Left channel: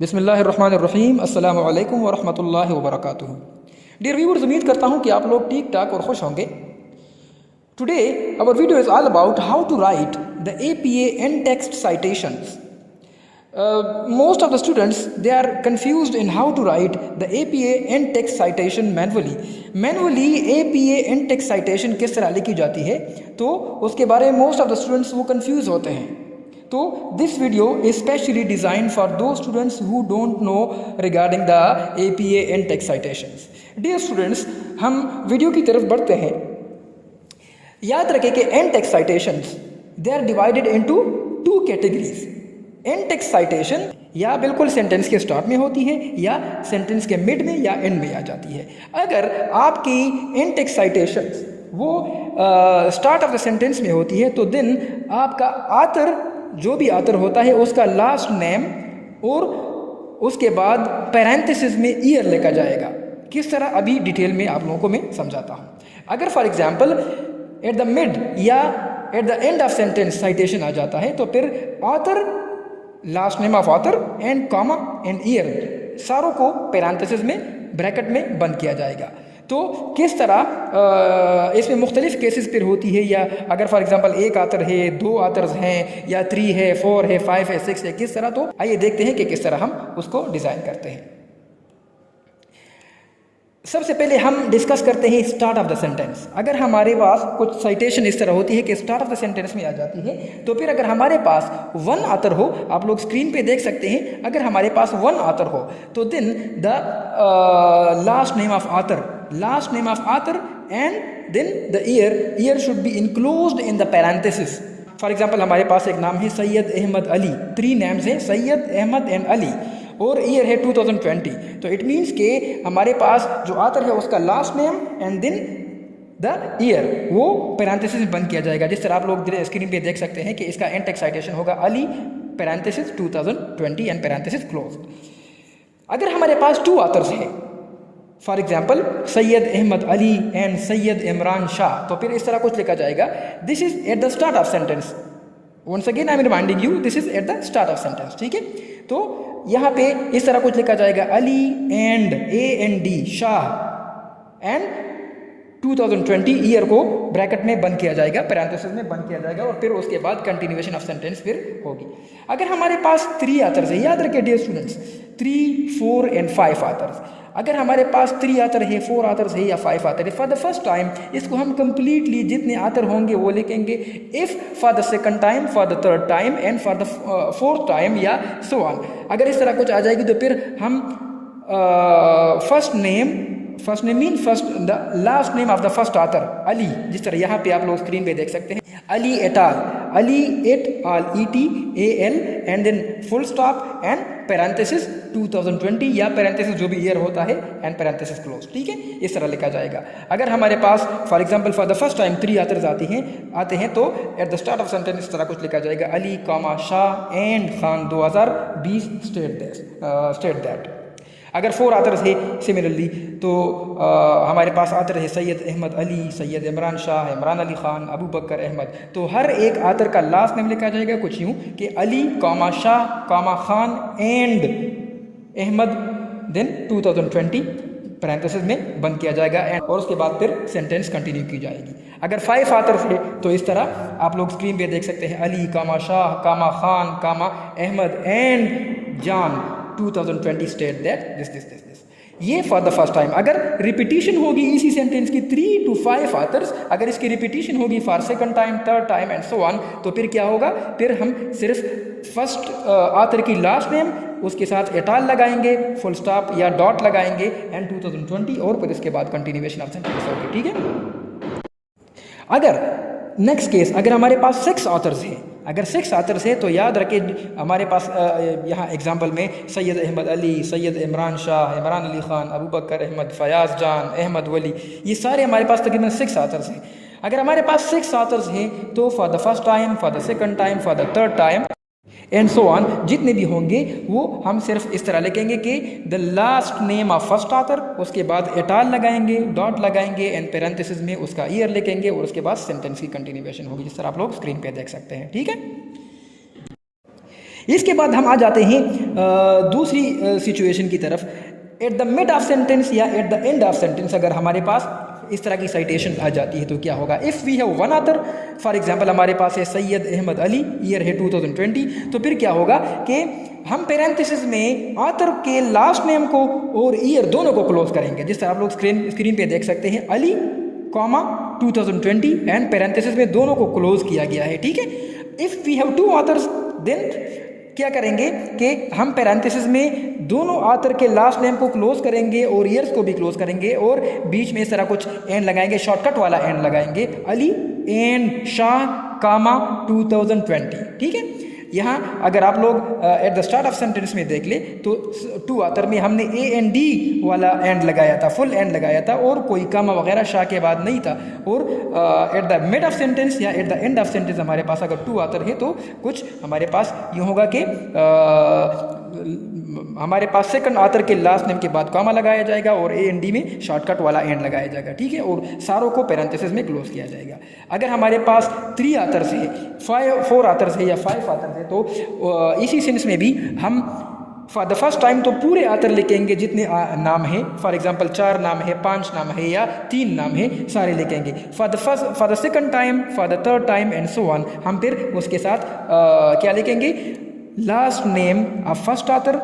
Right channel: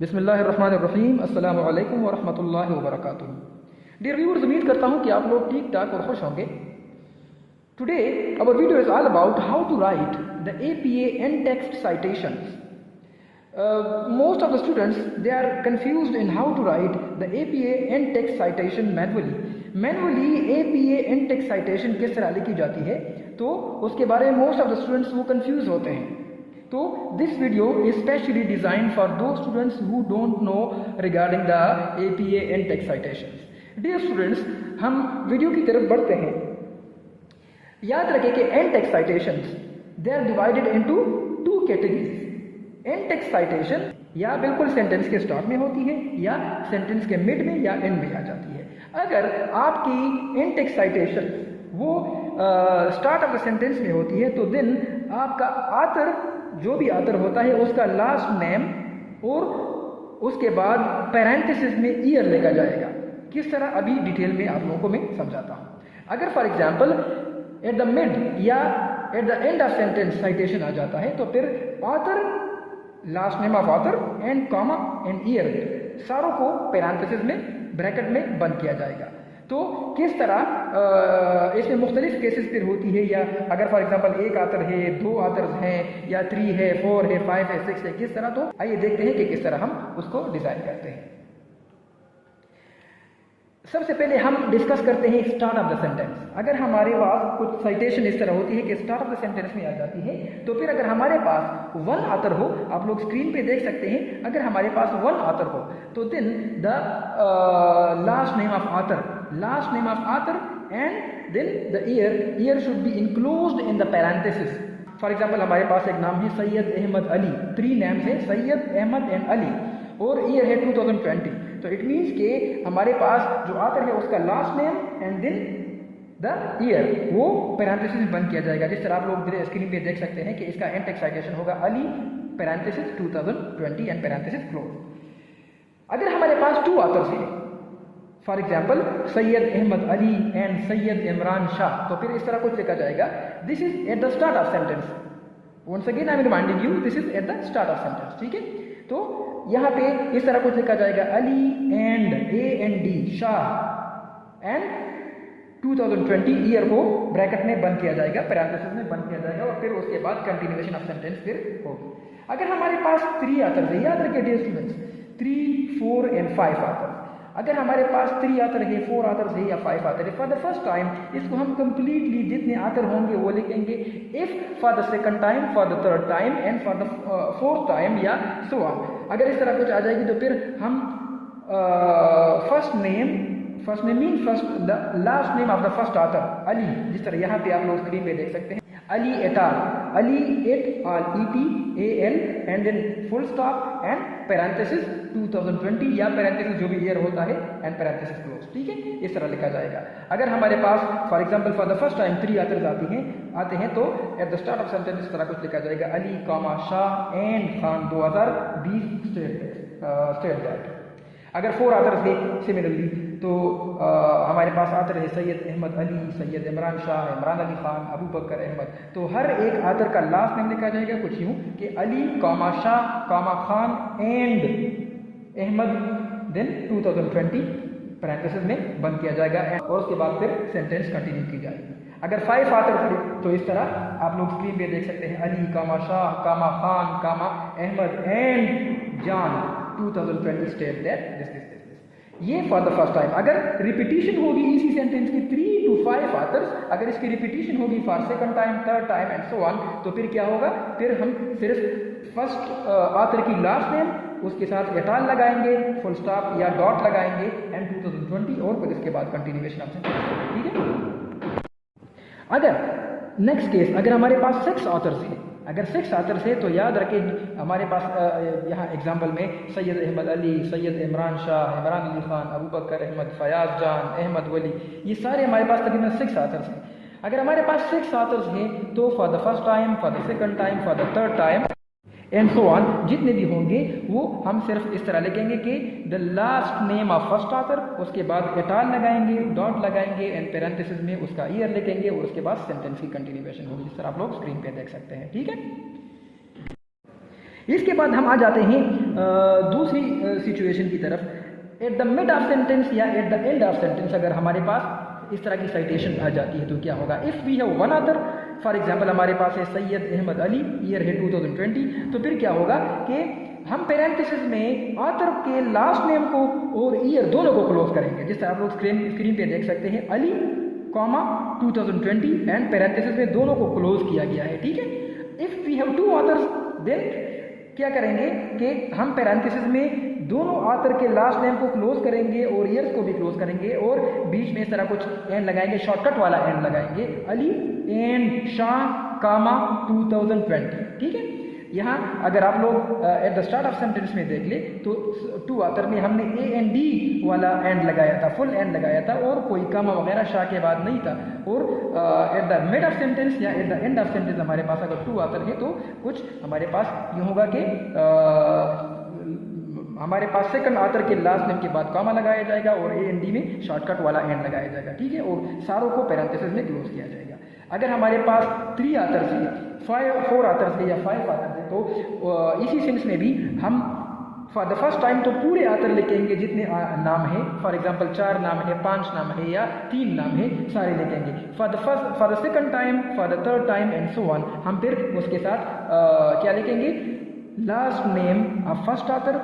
बिस्मिल्लाहिर्रहमानिर्रहीम अस्सलामु अलैकुम वरहमतुल्लाहि वबरकातुहू। डियर व्यूअर्स, उम्मीद करता हूँ कि आप लोग ठीक ठाक और खुश होंगे। Today our video is all about how to write the APA and text citations. Most of the students, they are confused in how to write the APA and text citation manually. APA and text citation किस तरह लिखी जाती है, तो उसके बारे में most of the students वो confuse होते हैं. तो this video is specially designed for those students who don't know regarding the APA and text citations. Dear students, हम वीडियो की तरफ बढ़ते हैं. याद रखें कि and text citations, they are divided into two categories. And text citation या बिल्कुल सेंटेंस के स्टार्ट में होती है या सेंटेंस के मिड में या एंड में आ जाती है. अगर आपकी एंड टेक्स्ट साइटेशन वो स्टार्ट ऑफ द सेंटेंस में होती है तो देन आपका आथर, जो भी आथर होता है, उसका लास्ट नेम और उसके बाद पैरेंथेसिस में ईयर लिखा जाएगा. किस तरह अभी डिटेल में आप लोगों को मैं समझाता हूँ. अगर for example at the mid या at the end of sentence citation आ जाता है तो फिर author, last name of author and comma and year, सारों को पैरेंथेसिस में ब्रैकेट में बंद किया जाएगा. तो किस तरह इसमें मुख्तलिफ केसेस फिर होती है, या अगर फॉर एग्जांपल एक आथर है, दो आथर्स हैं, या 3 है, 4 है, 5 है, 6 है, किस तरह. तो आइए देखते हैं कि किस तरह हम उसको डिज़ाइन करते हैं. सबसे पहले हम डिस्कस करते हैं स्टार्ट ऑफ द सेंटेंस. अगर हमारे पास कुछ साइटेशन इस तरह होती है कि स्टार्ट ऑफ द सेंटेंस में आ जाती है, तो फिर अगर हमारे पास वन ऑथर हो, आप लोग स्क्रीन पे देख सकते हैं, अगर हमारे पास वन ऑथर हो तो then the last name of author and then the year should be enclosed in the parenthesis. For example हमारे पास एक नाम है सैयद अहमद अली, 3 नेम्स हैं, सैयद, अहमद एंड अली, और ईयर है 2020. तो इट मीन्स के हमारे पास जो आथर है उसका last name and then the year वो पैरेंथेसिस में बंद किया जाएगा. जिस तरह आप लोग स्क्रीन पे देख सकते हैं कि इसका एंड टेक्स्ट साइटेशन होगा Ali parenthesis 2020 and parenthesis close. अगर हमारे पास 2 ऑथर्स हैं, for example Syed Ahmed Ali and Syed Imran Shah, तो फिर इस तरह कुछ लिखा जाएगा. This is at the start of sentence. Once again I am reminding you, this is at the start of sentence. ठीक है, तो यहाँ पे इस तरह कुछ लिखा जाएगा Ali and AND Shah and 2020, year को ब्रैकेट में बंद किया जाएगा, पैरेंथेसिस में बंद किया जाएगा, और फिर उसके बाद कंटिन्यूएशन ऑफ सेंटेंस फिर होगी. अगर हमारे पास 3 ऑथर्स है, याद रखिए डियर स्टूडेंट्स, 3, 4 एंड 5 ऑथर्स. अगर हमारे पास 3 ऑथर है, 4 ऑथर्स है या 5 ऑथर है, फॉर द फर्स्ट टाइम इसको हम कंप्लीटली जितने ऑथर होंगे वो लिखेंगे. If for the second time, for the third time and for the fourth time या सो ऑन. अगर इस तरह कुछ आ जाएगी तो फिर हम first name mean first the last name of the first author Ali, जिस तरह यहाँ पे आप लोग स्क्रीन पे देख सकते हैं, Ali et al, Ali et al, ETAL and then full stop and parenthesis 2020 या पैरेंथेसिस जो भी ईयर होता है एंड पैरेंथेसिस क्लोज. ठीक है, इस तरह लिखा जाएगा. अगर हमारे पास for example for the first time 3 authors आते हैं तो at the start of sentence इस तरह कुछ लिखा जाएगा Ali comma Shah and Khan 2020 state that. अगर 4 ऑथर्स है सिमिलरली तो हमारे पास ऑथर है सैयद अहमद अली, सैयद इमरान शाह, इमरान अली खान, अबू बकर अहमद. तो हर एक ऑथर का लास्ट नेम लिखा जाएगा कुछ यूँ कि Ali comma Shah comma Khan and Ahmed, then 2020 parenthesis में बंद किया जाएगा और उसके बाद फिर सेंटेंस कंटिन्यू की जाएगी. अगर 5 ऑथर्स है तो इस तरह आप लोग स्क्रीन पे देख सकते हैं अली कामा शाह कामा खान कामा अहमद एंड जान 2020 स्टेट दैट दिस. ये फॉर द फर्स्ट टाइम. अगर रिपीटिशन होगी इसी सेंटेंस की 3 to 5 ऑथर्स, अगर इसकी रिपीटिशन होगी for second time, third time and so on, तो फिर क्या होगा, फिर हम सिर्फ फर्स्ट ऑथर की लास्ट नेम, उसके साथ एटाल लगाएंगे, फुल स्टॉप या डॉट लगाएंगे एंड 2020, और फिर इसके बाद कंटिन्यूएशन ऑफ सेंटेंस होगी. ठीक है. अगर नेक्स्ट केस, अगर हमारे पास 6 ऑथर्स हैं, अगर 6 ऑथर्स है तो याद रखें हमारे पास यहाँ एग्जांपल में सैयद अहमद अली, सैयद इमरान शाह, इमरान अली खान, अबू बकर अहमद, फयाज जान, अहमद वली, ये सारे हमारे पास तकरीबन 6 ऑथर्स हैं. अगर हमारे पास 6 ऑथर्स हैं तो for the first time, for the second time, for the third time and so on, जितने भी होंगे वो हम सिर्फ इस तरह लिखेंगे कि the last name of first author, उसके बाद एटाल लगाएंगे, डॉट लगाएंगे एंड पैरेंथेसिस में उसका ईयर लिखेंगे, और उसके बाद सेंटेंस की कंटिन्यूएशन होगी, जिस तरह आप लोग स्क्रीन पे देख सकते हैं. ठीक है. इसके बाद हम आ जाते हैं दूसरी सिचुएशन की तरफ। At the mid of sentence या at the end of sentence अगर हमारे पास इस तरह की साइटेशन आ जाती है तो क्या होगा। If we have one author, for example हमारे पास है सैयद अहमद अली, ईयर है 2020, तो फिर क्या होगा कि हम पेरेंथेसिस में ऑथर के लास्ट नेम को और ईयर दोनों को क्लोज करेंगे। जिस तरह आप लोग स्क्रीन पे देख सकते हैं, अली कॉमा 2020 एंड पेरेंथेसिस में दोनों को क्लोज किया गया है, ठीक है। If we have two authors then क्या करेंगे कि हम पेरेंथेसिस में दोनों ऑथर के लास्ट नेम को क्लोज करेंगे और ईयर्स को भी क्लोज करेंगे और बीच में इस तरह कुछ एंड लगाएंगे, शॉर्टकट वाला एंड लगाएंगे, अली एंड शाह कामा 2020, ठीक है। यहाँ अगर आप लोग eight the start of sentence में देख ले तो टू ऑथर में हमने ए एंड डी वाला एंड लगाया था, फुल एंड लगाया था और कोई कामा वगैरह शाह के बाद नहीं था। और at the mid of sentence या at the end of sentence हमारे पास अगर टू ऑथर है तो कुछ हमारे पास यूँ होगा कि हमारे पास सेकंड ऑथर के लास्ट नेम के बाद कामा लगाया जाएगा और ए एंड डी में शॉर्टकट वाला एंड लगाया जाएगा, ठीक है, और सारों को पेरेंथेसिस में क्लोज किया जाएगा। अगर हमारे पास 3 ऑथर्स है, 4 ऑथर्स है या 5 ऑथर्स है तो इसी सेंस में भी हम फॉर द फर्स्ट टाइम तो पूरे ऑथर लिखेंगे जितने नाम है, फॉर एग्जांपल 4 नाम है, 5 नाम है या 3 नाम है, सारे लिखेंगे। For the second time, for the third time and so on हम फिर उसके साथ क्या लिखेंगे, last name of first author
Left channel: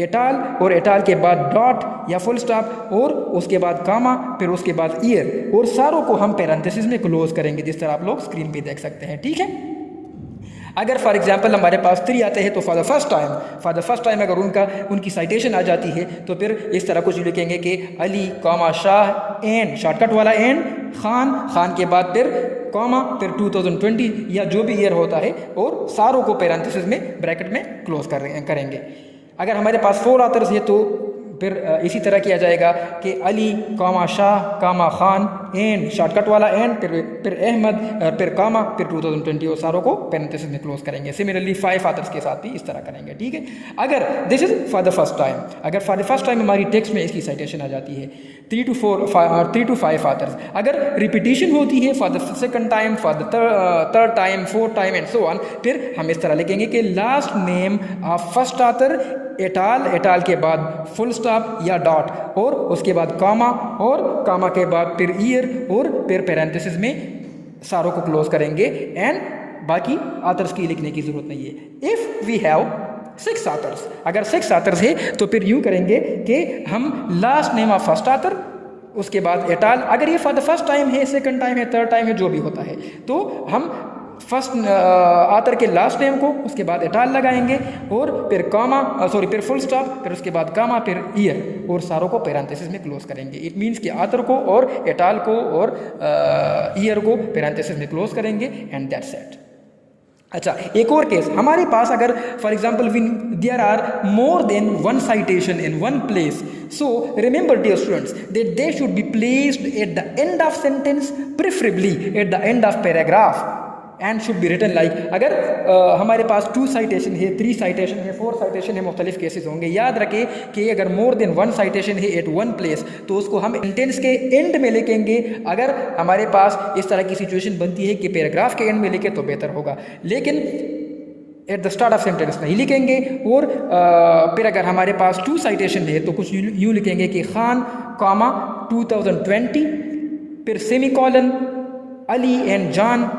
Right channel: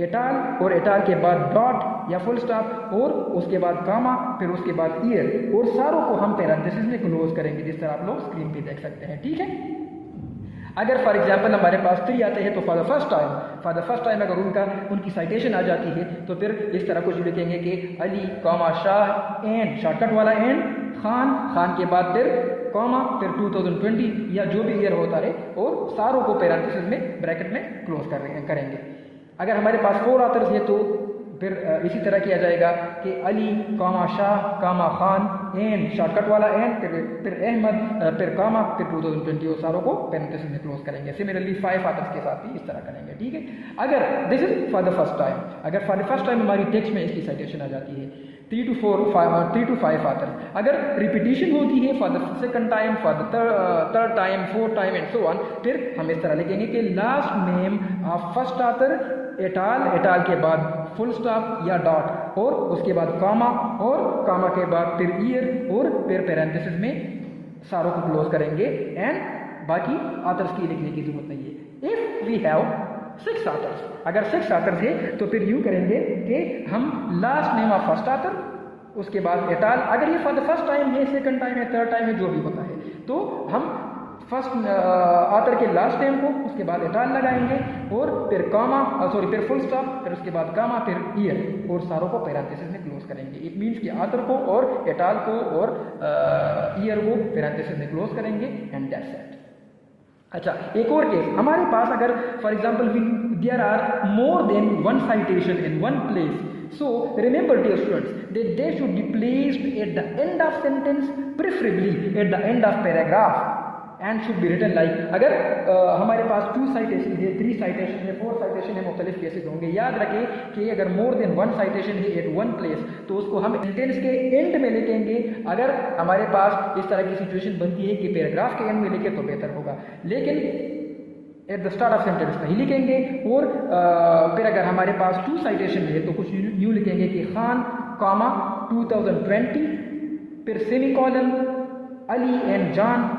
et al और एटाल के बाद डॉट या फुल स्टॉप और उसके बाद कामा, फिर उसके बाद ईयर और सारों को हम पेरेंथेसिस में क्लोज करेंगे जिस तरह आप लोग स्क्रीन पे देख सकते हैं, ठीक है। अगर फॉर एग्जांपल हमारे पास 3 आते हैं तो फॉर द फर्स्ट टाइम अगर उनकी साइटेशन आ जाती है तो फिर इस तरह कुछ लिखेंगे कि अली कामा शाह एंड शॉर्टकट वाला एंड खान के बाद फिर कॉमा फिर 2020 या जो भी ईयर होता है और सारों को पेरेंथेसिस में ब्रैकेट में क्लोज करेंगे। अगर हमारे पास 4 ऑथर्स है तो फिर इसी तरह किया जाएगा कि अली कामा शाह कामा खान एंड शॉर्टकट वाला एंड फिर अहमद फिर कामा फिर 2020 और सारों को पेरेंथेसिस में क्लोज करेंगे। सिमिलरली 5 ऑथर्स के साथ भी इस तरह करेंगे, ठीक है। अगर this is for the first time, अगर फॉर द फर्स्ट टाइम हमारी टेक्स्ट में इसकी साइटेशन आ जाती है 3 to 5 ऑथर्स। अगर रिपीटिशन होती है for the second time, for the third time, fourth time and so on, फिर हम इस तरह लिखेंगे कि last name of first author et al के बाद फुल स्टॉप या डॉट और उसके बाद कामा और कामा के बाद फिर ईयर और फिर पेरेंथेसिस में सारों को क्लोज करेंगे एंड बाकी ऑथर्स की लिखने की जरूरत नहीं है। इफ़ वी हैव 6 ऑथर्स, अगर 6 ऑथर्स है तो फिर यूँ करेंगे कि हम last name of first author उसके बाद एटाल, अगर ये फॉर द फर्स्ट टाइम है, सेकंड टाइम है, थर्ड टाइम है, जो भी होता है तो हम फर्स्ट ऑथर के लास्ट नेम को उसके बाद एटाल लगाएंगे और फिर फिर फुल स्टॉप फिर उसके बाद कामा फिर ईयर और सारों को पेरेंथेसिस में क्लोज करेंगे। इट मीन्स कि ऑथर को और एटाल को और ईयर को पेरेंथेसिस में क्लोज करेंगे एंड दैट्स इट। अच्छा, एक और केस हमारे पास, अगर for example there are more than one citation in one place, so remember dear students that they should be placed at the end of sentence, preferably at the end of paragraph and should be written like, अगर हमारे पास 2 citation है, 3 citation है, 4 citation है, मुख्तलिफ cases होंगे। याद रखें कि अगर मोर देन 1 साइटेशन है एट वन प्लेस तो उसको हम सेंटेंस के एंड में लिखेंगे। अगर हमारे पास इस तरह की सिचुएशन बनती है कि पैराग्राफ के एंड में लिखे तो बेहतर होगा, लेकिन eight the start of sentence नहीं लिखेंगे। और फिर अगर हमारे पास 2 साइटेशन है तो कुछ यूँ लिखेंगे कि खान कामा 2020 फिर semicolon Ali and John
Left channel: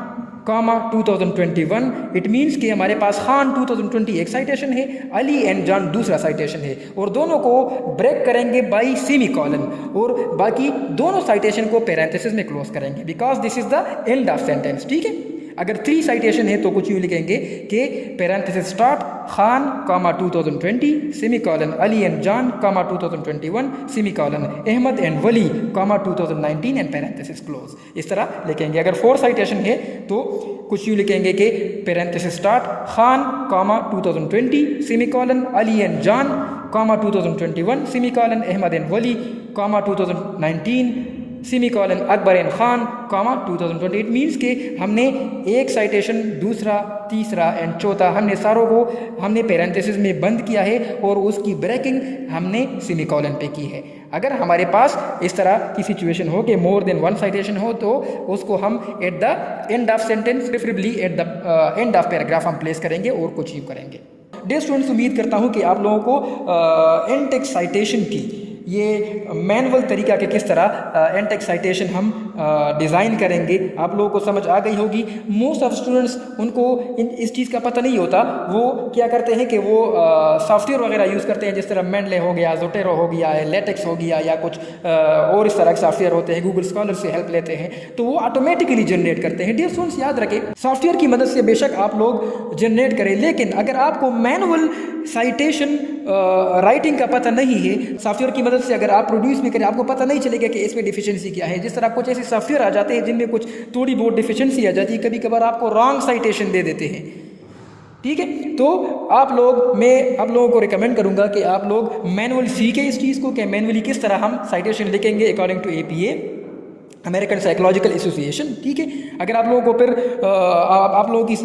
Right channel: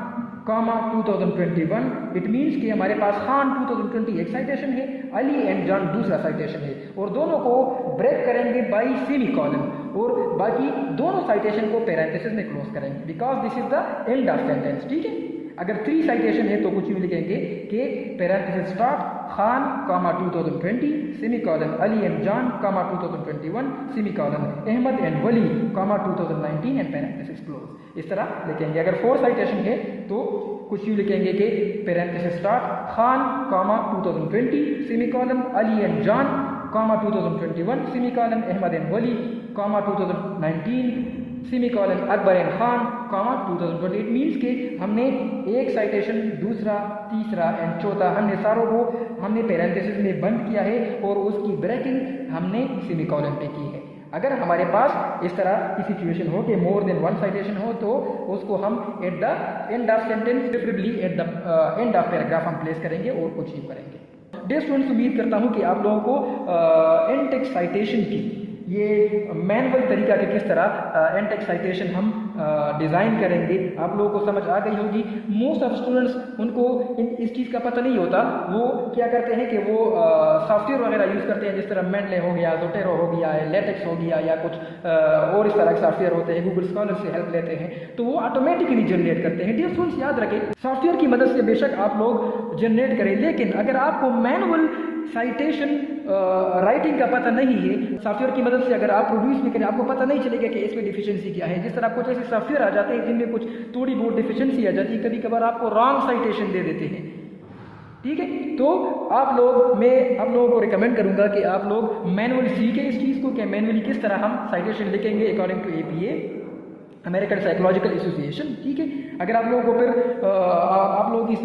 comma 2021। It means कि हमारे पास खान 2020 एक साइटेशन है, अली एंड जॉन दूसरा साइटेशन है और दोनों को ब्रेक करेंगे बाई सेमीकोलन और बाकी दोनों साइटेशन को पेरेंथेसिस में क्लोज करेंगे because this is the end of sentence, ठीक है। अगर 3 साइटेशन है तो कुछ यूँ लिखेंगे कि parenthesis start Khan comma 2020 semicolon Ali and John comma 2021 semicolon Ahmed and Wali comma 2019 and parenthesis close. इस तरह लिखेंगे। अगर 4 साइटेशन है तो कुछ यूँ लिखेंगे कि parenthesis start Khan comma 2020 semicolon Ali and John comma 2021 semicolon Ahmed and Wali comma 2019 semicolon Akbar and Khan comma 2020। It means कि हमने एक साइटेशन, दूसरा, तीसरा एंड चौथा हमने सारों को हमने पेरेंथेसिस में बंद किया है और उसकी ब्रेकिंग हमने सेमीकोलन पे की है। अगर हमारे पास इस तरह की सिचुएशन हो कि मोर देन 1 साइटेशन हो तो उसको हम eight the end of sentence, preferably eight the end of paragraph हम प्लेस करेंगे और कुछ यूँ करेंगे। डियर स्टूडेंट्स, उम्मीद करता हूँ कि आप लोगों को इन-टेक्स्ट साइटेशन की ये मैनुअल तरीका कि किस तरह इन-टेक्स्ट साइटेशन हम डिज़ाइन करेंगे आप लोगों को समझ आ गई होगी। मोस्ट ऑफ स्टूडेंट्स उनको इस चीज़ का पता नहीं होता, वो क्या करते हैं कि वो सॉफ्टवेयर वगैरह यूज़ करते हैं, जिस तरह मेंडले हो गया, ज़ोटेरो हो गया, लेटेक्स हो गया, या कुछ और इस तरह के सॉफ्टवेयर होते हैं, गूगल स्कॉलर से हेल्प लेते हैं, तो वो ऑटोमेटिकली जनरेट करते हैं। डियर स्टूडेंट्स, याद रखें सॉफ्टवेयर की मदद से बेशक आप लोग जनरेट करें, लेकिन अगर आपको मैनुअल साइटेशन राइटिंग का पता नहीं है, सॉफ्टवेयर की मदद से अगर आप प्रोड्यूस भी करें, आपको पता नहीं चलेगा कि इसमें डिफिशिएंसी क्या है। जिस तरह कुछ ऐसे सॉफ्टवेयर आ जाते हैं जिनमें कुछ थोड़ी बहुत डिफिशिएंसी आ जाती है, कभी कभार आपको रॉन्ग साइटेशन दे देते हैं, ठीक है। तो मैं आप लोगों को रिकमेंड करूंगा कि आप लोग मैनुअल सीखें इस चीज़ को कि मैनुअली किस तरह हम साइटेशन लिखेंगे according to APA, American Psychological Association, ठीक है। अगर आप लोगों को फिर आप लोगों की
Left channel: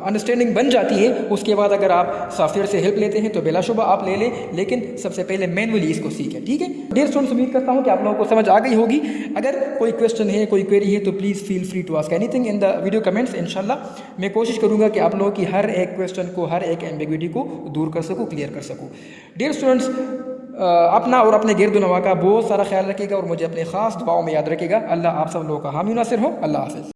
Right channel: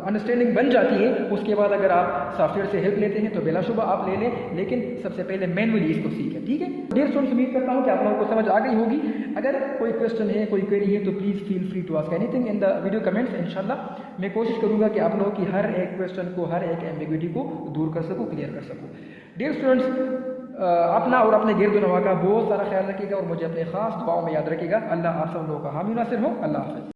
अंडरस्टैंडिंग बन जाती है, उसके बाद अगर आप सॉफ्टवेयर से हेल्प लेते हैं तो बिलाशुबा आप ले लें, लेकिन सबसे पहले मैनुअली इसको सीखें, ठीक है। डियर स्टूडेंट्स, उम्मीद करता हूँ कि आप लोगों को समझ आ गई होगी। अगर कोई क्वेश्चन है, कोई क्वेरी है, तो please feel free to ask anything in the video comments. इंशाल्लाह मैं कोशिश करूँगा कि आप लोगों की हर एक क्वेश्चन को, हर एक एम्बिग्विटी को दूर कर सकूँ, क्लियर कर सकूँ। डियर स्टूडेंट्स, अपना और अपने गिरद नवा का बहुत सारा ख्याल रखिएगा और मुझे अपने ख़ास दुआओं में याद रखिएगा। अल्लाह आप सब लोगों का हामी नासिर हो। अल्लाह हाफ़िज़।